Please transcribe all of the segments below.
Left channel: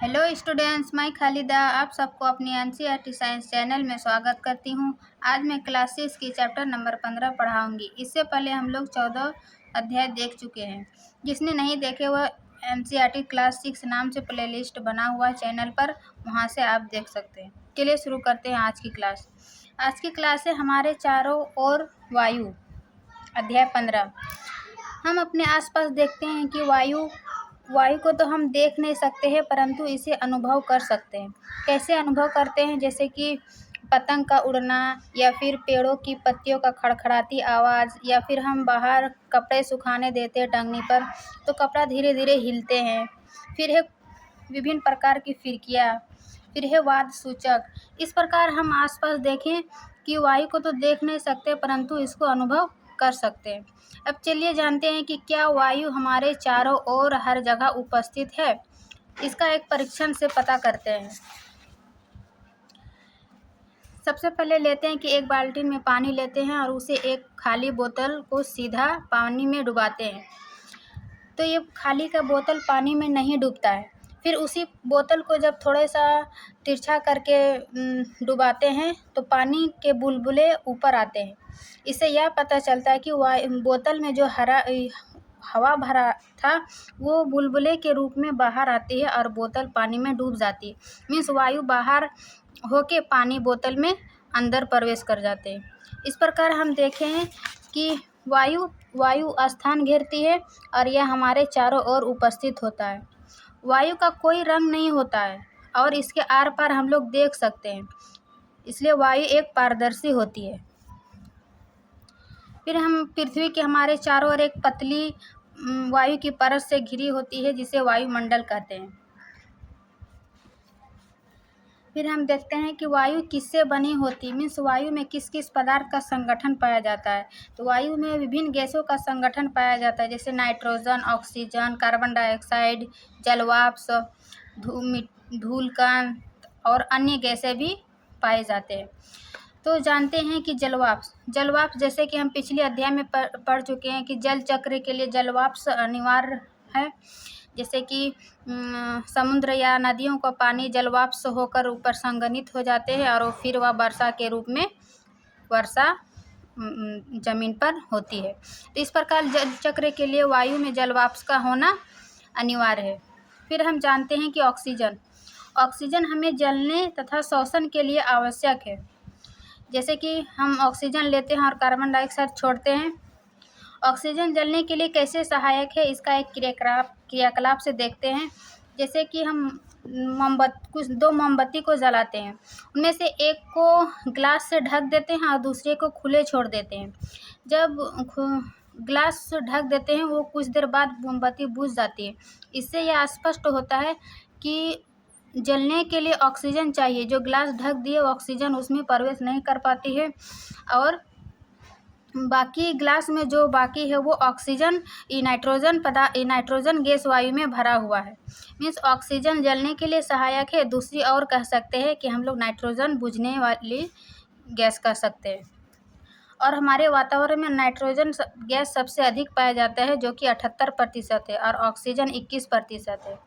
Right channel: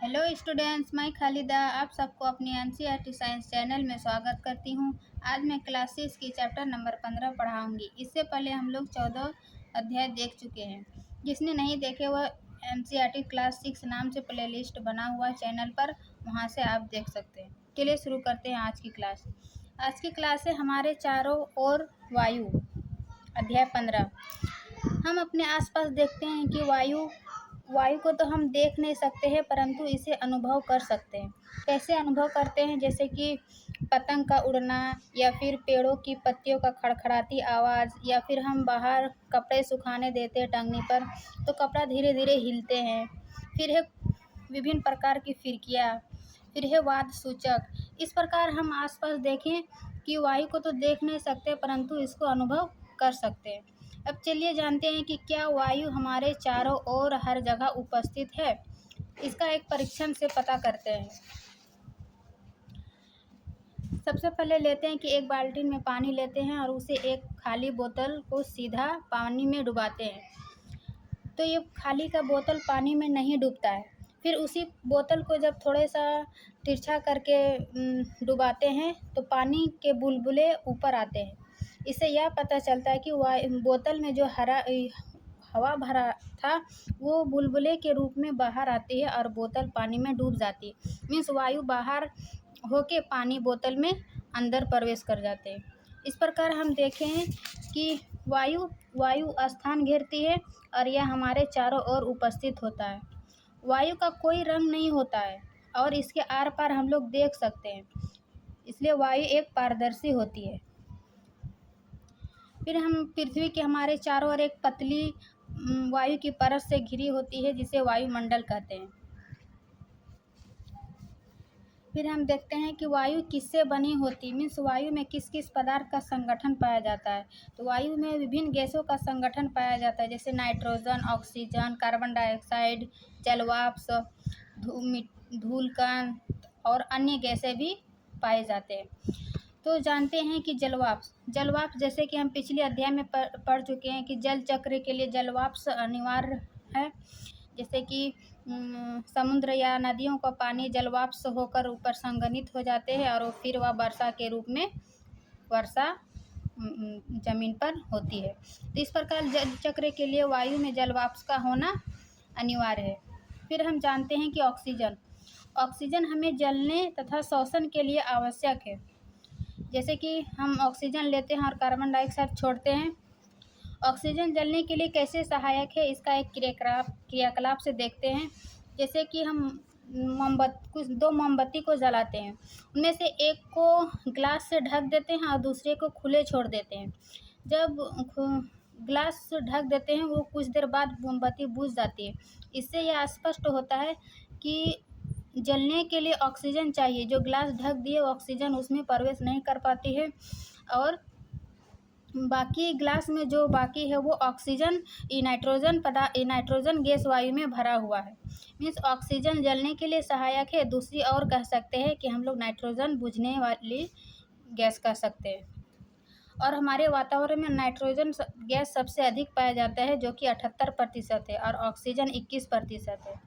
Hello students, मैं खालिदा आप सबको अपनी एनसीईआरटी साइंस चैनल में स्वागत करती हूं। आज मैं क्लास 6 की चैप्टर नंबर 15 पढ़ाऊंगी। इससे पहले हम लोग 14 अध्याय देख चुके हैं। जिसने नहीं देखे वह एनसीईआरटी क्लास 6 नाम से प्लेलिस्ट बना हुआ है चैनल पर, वहां से आप देख सकते हैं। चलिए शुरू करते हैं आज की क्लास। आज की क्लास है हमारे चारों ओर वायु, अध्याय 15। हम अपने आसपास देखते हैं कि वायु को तो हम देख नहीं सकते हैं, परंतु इसे अनुभव कर सकते हैं। कैसे अनुभव करते हैं? जैसे कि पतंग का उड़ना, या फिर पेड़ों की पत्तियों का खड़खड़ाती आवाज़, या फिर हम बाहर कपड़े सुखाने देते हैं टंगनी पर तो कपड़ा धीरे धीरे हिलते हैं। फिर है विभिन्न प्रकार की फिरकियाँ, फिर है वाद सूचक। इस प्रकार हम आसपास देखें कि वायु को तो देख नहीं सकते, परंतु इसको अनुभव कर सकते हैं। अब चलिए जानते हैं कि क्या वायु हमारे चारों ओर हर जगह उपस्थित है। इसका एक परीक्षण से पता करते हैं। सबसे पहले लेते हैं कि एक बाल्टी में पानी लेते हैं और उसे एक खाली बोतल को सीधा पानी में डुबाते हैं। तो ये खाली का बोतल पानी में नहीं डूबता है। फिर उसी बोतल को जब थोड़ा सा तिरछा करके डुबाते हैं तो पानी के बुलबुले ऊपर आते हैं। इससे यह पता चलता है कि बोतल में जो हवा भरा था वो बुलबुले के रूप में बाहर आती है और बोतल पानी में डूब जाती है। मीन्स वायु बाहर होके पानी बोतल में अंदर प्रवेश कर जाते हैं। इस प्रकार हम देखें हैं कि वायु स्थान घेरती है और यह हमारे चारों ओर उपस्थित होता है। वायु का कोई रंग नहीं होता है और इसके आर पार हम लोग देख सकते हैं, इसलिए वायु एक पारदर्शी होती है। फिर हम पृथ्वी के हमारे चारों ओर एक पतली वायु की परत से घिरी होती है जिसे वायुमंडल कहते हैं। फिर हम देखते हैं कि वायु किससे बनी होती है। मीन्स वायु में किस किस पदार्थ का संगठन पाया जाता है। तो वायु में विभिन्न गैसों का संगठन पाया जाता है, जैसे नाइट्रोजन, ऑक्सीजन, कार्बन डाइऑक्साइड, जलवाष्प, धूलकण और अन्य गैसें भी पाए जाते हैं। तो जानते हैं कि जलवाष्प जैसे कि हम पिछले अध्याय में पढ़ चुके हैं कि जल चक्र के लिए जलवाष्प अनिवार्य है। जैसे कि समुद्र या नदियों का पानी जलवाष्प होकर ऊपर संघनित हो जाते हैं और फिर वह वर्षा के रूप में जमीन पर होती है। तो इस प्रकार जल चक्र के लिए वायु में जलवाष्प का होना अनिवार्य है। फिर हम जानते हैं कि ऑक्सीजन हमें जलने तथा श्वसन के लिए आवश्यक है। जैसे कि हम ऑक्सीजन लेते हैं और कार्बन डाइऑक्साइड छोड़ते हैं। ऑक्सीजन जलने के लिए कैसे सहायक है, इसका एक क्रियाकलाप से देखते हैं। जैसे कि हम दो मोमबत्ती को जलाते हैं, उनमें से एक को ग्लास से ढक देते हैं और दूसरे को खुले छोड़ देते हैं। जब ग्लास ढक देते हैं वो कुछ देर बाद मोमबत्ती बुझ जाती है। इससे यह स्पष्ट होता है कि जलने के लिए ऑक्सीजन चाहिए। जो ग्लास ढक दिए ऑक्सीजन उसमें प्रवेश नहीं कर पाती है और बाकी ग्लास में जो बाकी है वो ऑक्सीजन नाइट्रोजन गैस वायु में भरा हुआ है। मीन्स ऑक्सीजन जलने के लिए सहायक है। दूसरी और कह सकते हैं कि हम लोग नाइट्रोजन बुझने वाली गैस कह सकते हैं। और हमारे वातावरण में नाइट्रोजन गैस सबसे अधिक पाया जाता है, जो कि 78% है और ऑक्सीजन 21% है।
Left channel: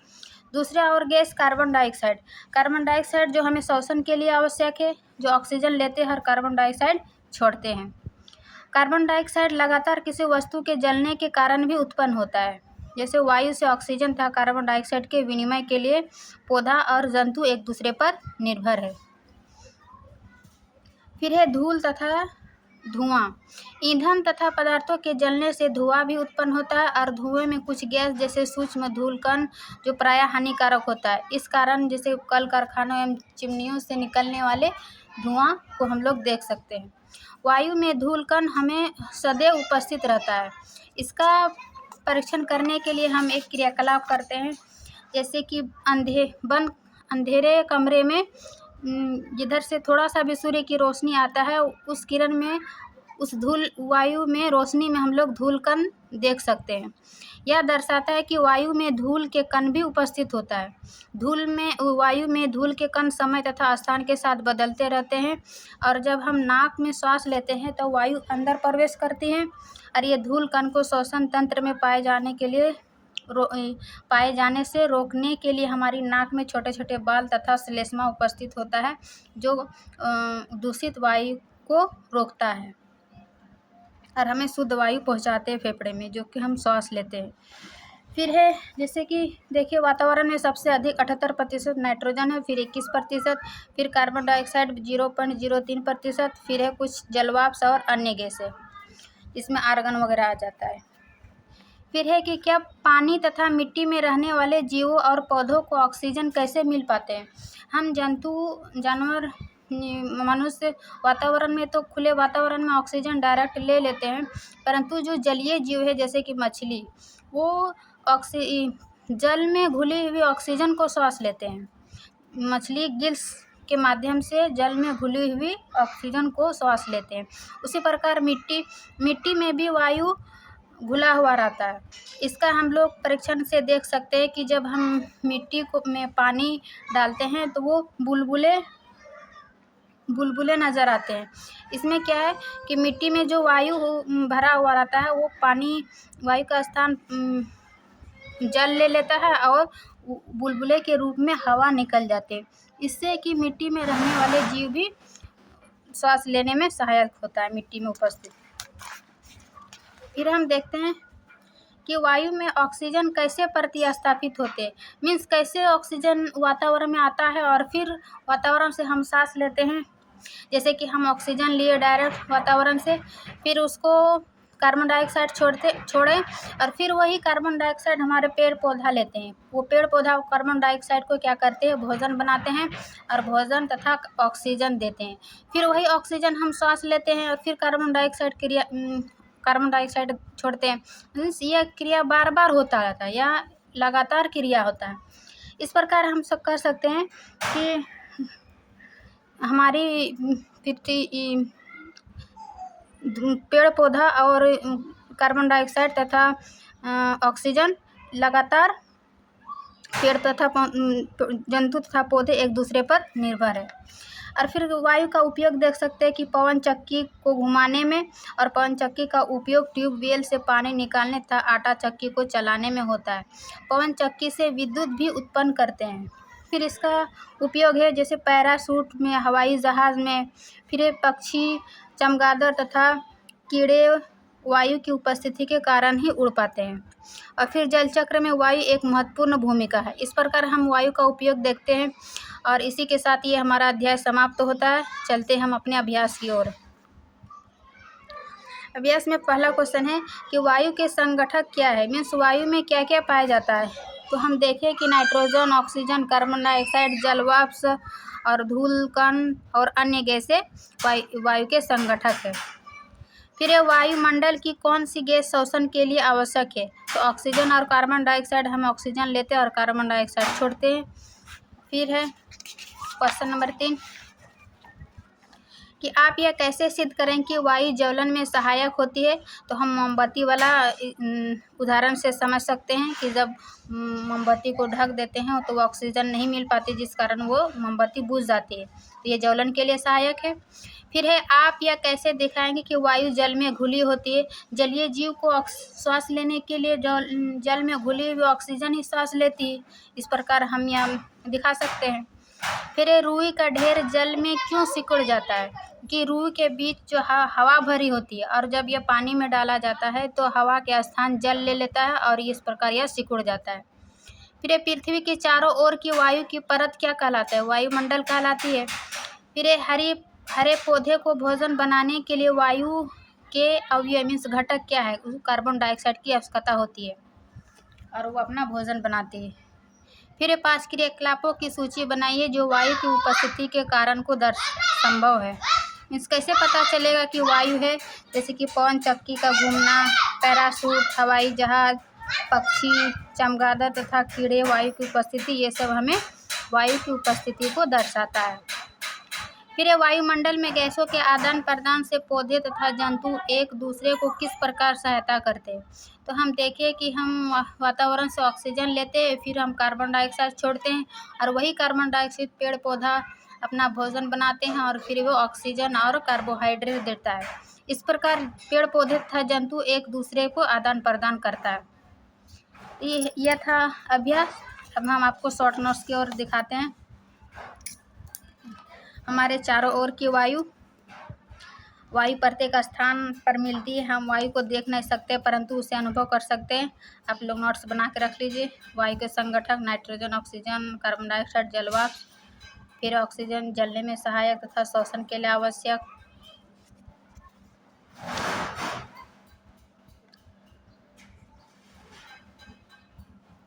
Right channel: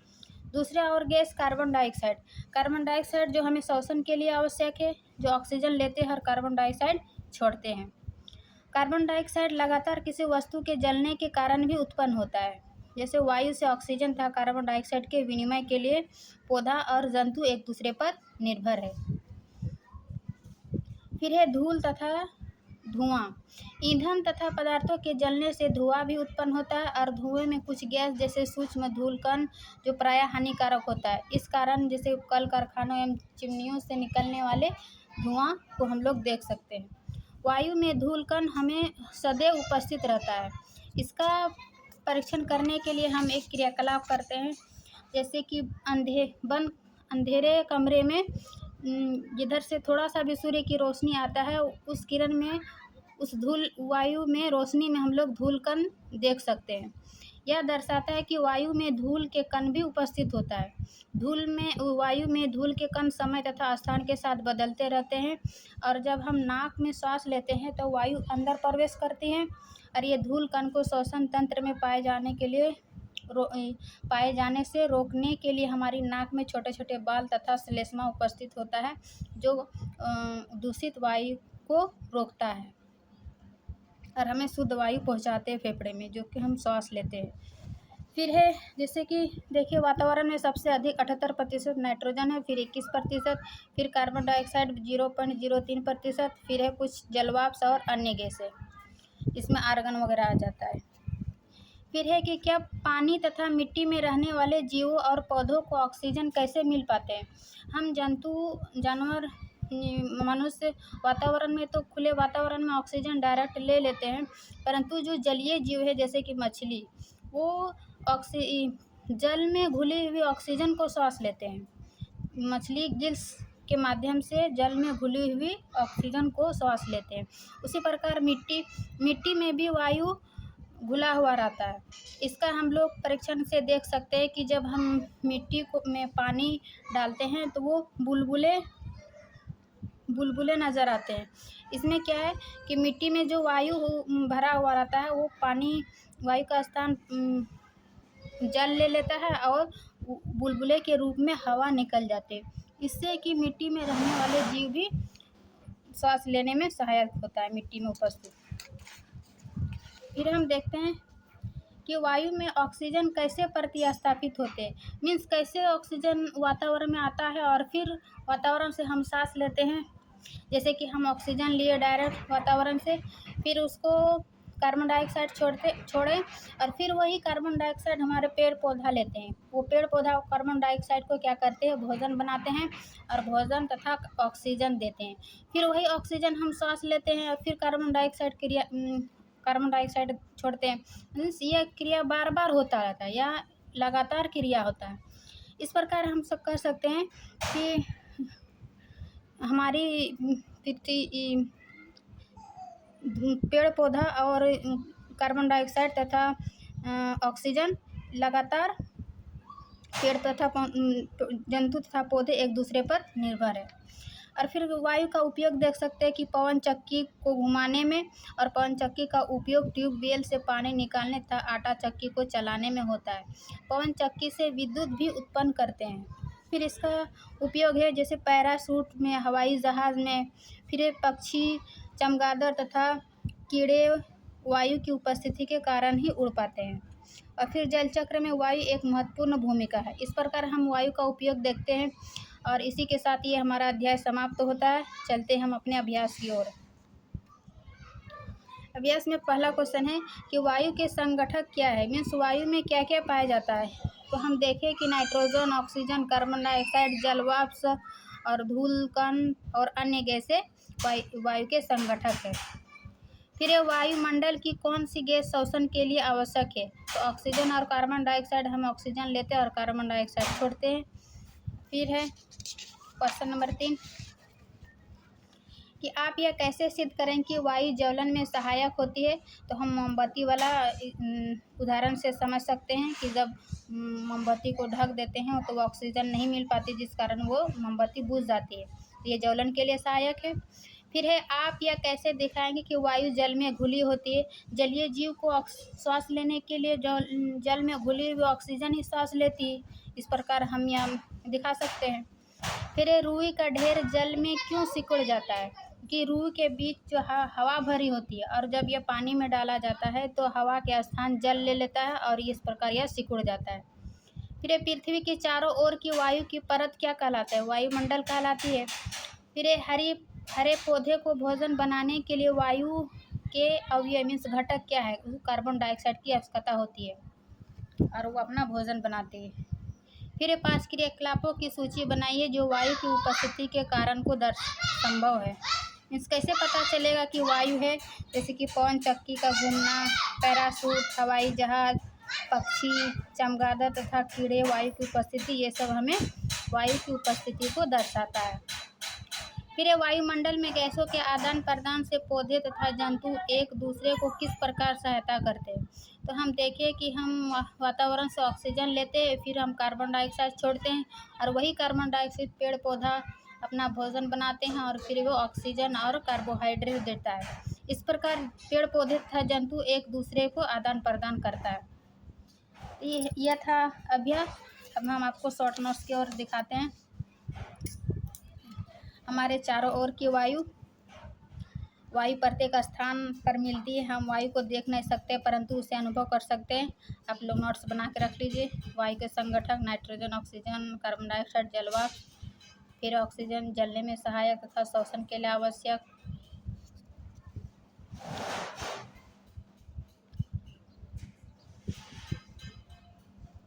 दूसरा और गैस कार्बन डाइऑक्साइड जो हमें श्वसन के लिए आवश्यक है, जो ऑक्सीजन लेते हैं और कार्बन डाइऑक्साइड छोड़ते हैं। कार्बन डाइऑक्साइड लगातार किसी वस्तु के जलने के कारण भी उत्पन्न होता है। जैसे वायु से ऑक्सीजन तथा कार्बन डाइऑक्साइड के विनिमय के लिए पौधा और जंतु एक दूसरे पर निर्भर है। फिर है धूल तथा धुआं। ईंधन तथा पदार्थों के जलने से धुआं भी उत्पन्न होता है और धुएं में कुछ गैस जैसे सूक्ष्म धूलकण जो प्रायः हानिकारक होता है। इस कारण जैसे कल कारखानों एवं चिमनियों से निकलने वाले धुआं को हम लोग देख सकते हैं। वायु में धूलकण हमें सदैव उपस्थित रहता है। इसका परीक्षण करने के लिए हम एक क्रियाकलाप करते हैं। जैसे कि अंधेरे कमरे में जिधर से थोड़ा सा भी सूर्य की रोशनी आता है उस किरण में उस वायु में रोशनी में हम लोग धूलकण देख सकते हैं। यह दर्शाता है कि वायु में धूल के कण भी उपस्थित होता है। वायु में धूल के कण समय तथा स्थान के साथ बदलते रहते हैं और जब हम नाक में श्वास लेते हैं तो वायु अंदर प्रवेश करती है और ये धूल कण को श्वसन तंत्र में पाए जाने के लिए पाए जाने से रोकने के लिए हमारी नाक में छोटे छोटे बाल तथा श्लेष्मा उपस्थित होता है, जो दूषित वायु को रोकता है और हमें शुद्ध वायु पहुंचाते हैं फेफड़े में, जो कि हम सांस लेते हैं। फिर है जैसे कि देखिए, वातावरण में सबसे अधिक 78% नाइट्रोजन है, फिर 21%, फिर कार्बन डाइऑक्साइड 0.03%, फिर है कुछ जलवाष्प और अन्य गैस है, इसमें आर्गन वगैरह आ जाता है। फिर है कि क्या पानी तथा मिट्टी में रहने वाले जीवों और पौधों को ऑक्सीजन कैसे मिल पाते हैं। हम जंतु, जानवर, मनुष्य वातावरण में तो खुले वातावरण में ऑक्सीजन डायरेक्ट ले लेते हैं, परंतु जो जलीय जीव है जैसे कि मछली, वो जल में घुली हुई ऑक्सीजन को सांस लेते हैं। मछली गिल्स के माध्यम से जल में घुली हुई ऑक्सीजन को सांस लेते हैं। उसी प्रकार मिट्टी में भी वायु घुला हुआ रहता है। इसका हम लोग परीक्षण से देख सकते हैं कि जब हम मिट्टी को में पानी डालते हैं तो वो बुलबुले नज़र आते हैं। इसमें क्या है कि मिट्टी में जो वायु भरा हुआ रहता है, वो पानी वायु का स्थान जल ले लेता है और बुलबुले के रूप में हवा निकल जाती है। इससे कि मिट्टी में रहने वाले जीव भी सांस लेने में सहायक होता है मिट्टी में उपस्थित। फिर हम देखते हैं कि वायु में ऑक्सीजन कैसे प्रतिस्थापित होते हैं, मीन्स कैसे ऑक्सीजन वातावरण में आता है और फिर वातावरण से हम सांस लेते हैं। जैसे कि हम ऑक्सीजन लिए डायरेक्ट वातावरण से, फिर उसको कार्बन डाइऑक्साइड छोड़ें और फिर वही कार्बन डाइऑक्साइड हमारे पेड़ पौधा लेते हैं। वो पेड़ पौधा कार्बन डाइऑक्साइड को क्या करते हैं, भोजन बनाते हैं और भोजन तथा ऑक्सीजन देते हैं। फिर वही ऑक्सीजन हम सांस लेते हैं और फिर कार्बन डाइऑक्साइड छोड़ते हैं। मीन्स यह क्रिया बार बार होता रहता है या लगातार क्रिया होता है। इस प्रकार हम सब कर सकते हैं कि हमारी पृथ्वी, पेड़ पौधा और कार्बन डाइऑक्साइड तथा ऑक्सीजन लगातार पेड़ तथा जंतु तथा पौधे एक दूसरे पर निर्भर है। और फिर वायु का उपयोग देख सकते हैं कि पवन चक्की को घुमाने में, और पवन चक्की का उपयोग ट्यूबवेल से पानी निकालने तथा आटा चक्की को चलाने में होता है। पवन चक्की से विद्युत भी उत्पन्न करते हैं। फिर इसका उपयोग है जैसे पैराशूट में, हवाई जहाज़ में, फिर पक्षी, चमगादड़ तथा कीड़े वायु की उपस्थिति के कारण ही उड़ पाते हैं। और फिर जल चक्र में वायु एक महत्वपूर्ण भूमिका है। इस प्रकार हम वायु का उपयोग देखते हैं और इसी के साथ ये हमारा अध्याय समाप्त होता है। चलते हम अपने अभ्यास की ओर। अभ्यास में पहला क्वेश्चन है कि वायु के संगठक क्या है, मीन्स वायु में क्या क्या पाया जाता है। तो हम देखें कि नाइट्रोजन, ऑक्सीजन, कार्बन डाइऑक्साइड, जलवाष्प और धूल कण और अन्य गैसें वायु के संगठक है। फिर ये वायुमंडल की कौन सी गैस श्वसन के लिए आवश्यक है। तो ऑक्सीजन और कार्बन डाइऑक्साइड, हम ऑक्सीजन लेते हैं और कार्बन डाइऑक्साइड छोड़ते हैं। फिर है क्वेश्चन नंबर 3 कि आप यह कैसे सिद्ध करें कि वायु ज्वलन में सहायक होती है। तो हम मोमबत्ती वाला उदाहरण से समझ सकते हैं कि जब मोमबत्ती को ढक देते हैं तो ऑक्सीजन नहीं मिल पाती, जिस कारण वो मोमबत्ती बुझ जाती है। तो ये ज्वलन के लिए सहायक है। फिर है आप यह कैसे दिखाएंगे कि वायु जल में घुली होती है। जलीय जीव को श्वास लेने के लिए जल में घुली हुई ऑक्सीजन ही श्वास लेती है। इस प्रकार हम यह दिखा सकते हैं। फिर रुई का ढेर जल में क्यों सिकुड़ जाता है, कि रुई के बीच जो हवा भरी होती है और जब यह पानी में डाला जाता है तो हवा के स्थान जल ले लेता है और इस प्रकार यह सिकुड़ जाता है। फिर पृथ्वी के चारों ओर की वायु की परत क्या कहलाता है, वायुमंडल कहलाती है। फिर हरे पौधे को भोजन बनाने के लिए वायु के अवयव मीन्स घटक क्या है, कार्बन डाइऑक्साइड की आवश्यकता होती है और वो अपना भोजन बनाते हैं। फिर 5 क्रियाकलापों की सूची बनाइए जो वायु की उपस्थिति के कारण को संभव है। मीन्स कैसे पता चलेगा कि वायु है, जैसे कि पवन चक्की का घूमना, पैराशूट, हवाई जहाज, पक्षी, चमगादड़ तथा कीड़े वायु की उपस्थिति, ये सब हमें वायु की उपस्थिति को दर्शाता है। फिर ये वायुमंडल में गैसों के आदान प्रदान से पौधे तथा जंतु एक दूसरे को किस प्रकार सहायता करते हैं। तो हम देखें कि हम वातावरण से ऑक्सीजन लेते हैं, फिर हम कार्बन डाइऑक्साइड छोड़ते हैं और वही कार्बन डाइऑक्साइड पेड़ पौधा अपना भोजन बनाते हैं और फिर वो ऑक्सीजन और कार्बोहाइड्रेट देता है। इस प्रकार पेड़ पौधे तथा जंतु एक दूसरे को आदान प्रदान करता है। यह था अभ्यास। अब हम आपको शॉर्ट नोट्स की ओर दिखाते हैं। हमारे चारों ओर की वायु प्रत्येक स्थान पर मिलती है। हम वायु को देख नहीं सकते परंतु उसे अनुभव कर सकते हैं। आप लोग नोट्स बना के रख लीजिए। वायु के संगठक नाइट्रोजन, ऑक्सीजन, कार्बन डाइऑक्साइड, जलवाष्प। फिर ऑक्सीजन जलने में सहायक तथा श्वसन के लिए आवश्यक।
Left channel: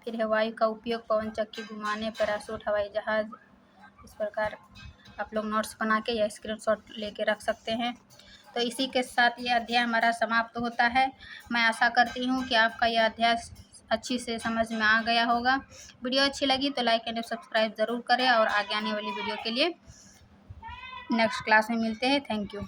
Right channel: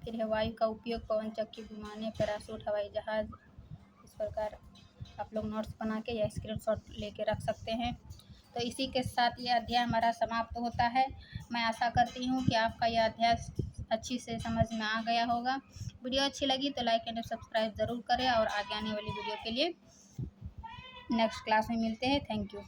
फिर है वायु का उपयोग पवन चक्की घुमाने, पैराशूट, हवाई जहाज। इस प्रकार आप लोग नोट्स बना के या स्क्रीनशॉट लेके रख सकते हैं। तो इसी के साथ ये अध्याय हमारा समाप्त होता है। मैं आशा करती हूँ कि आपका यह अध्याय अच्छी से समझ में आ गया होगा। वीडियो अच्छी लगी तो लाइक एंड सब्सक्राइब ज़रूर करें और आगे आने वाली वीडियो के लिए नेक्स्ट क्लास में मिलते हैं। Thank you.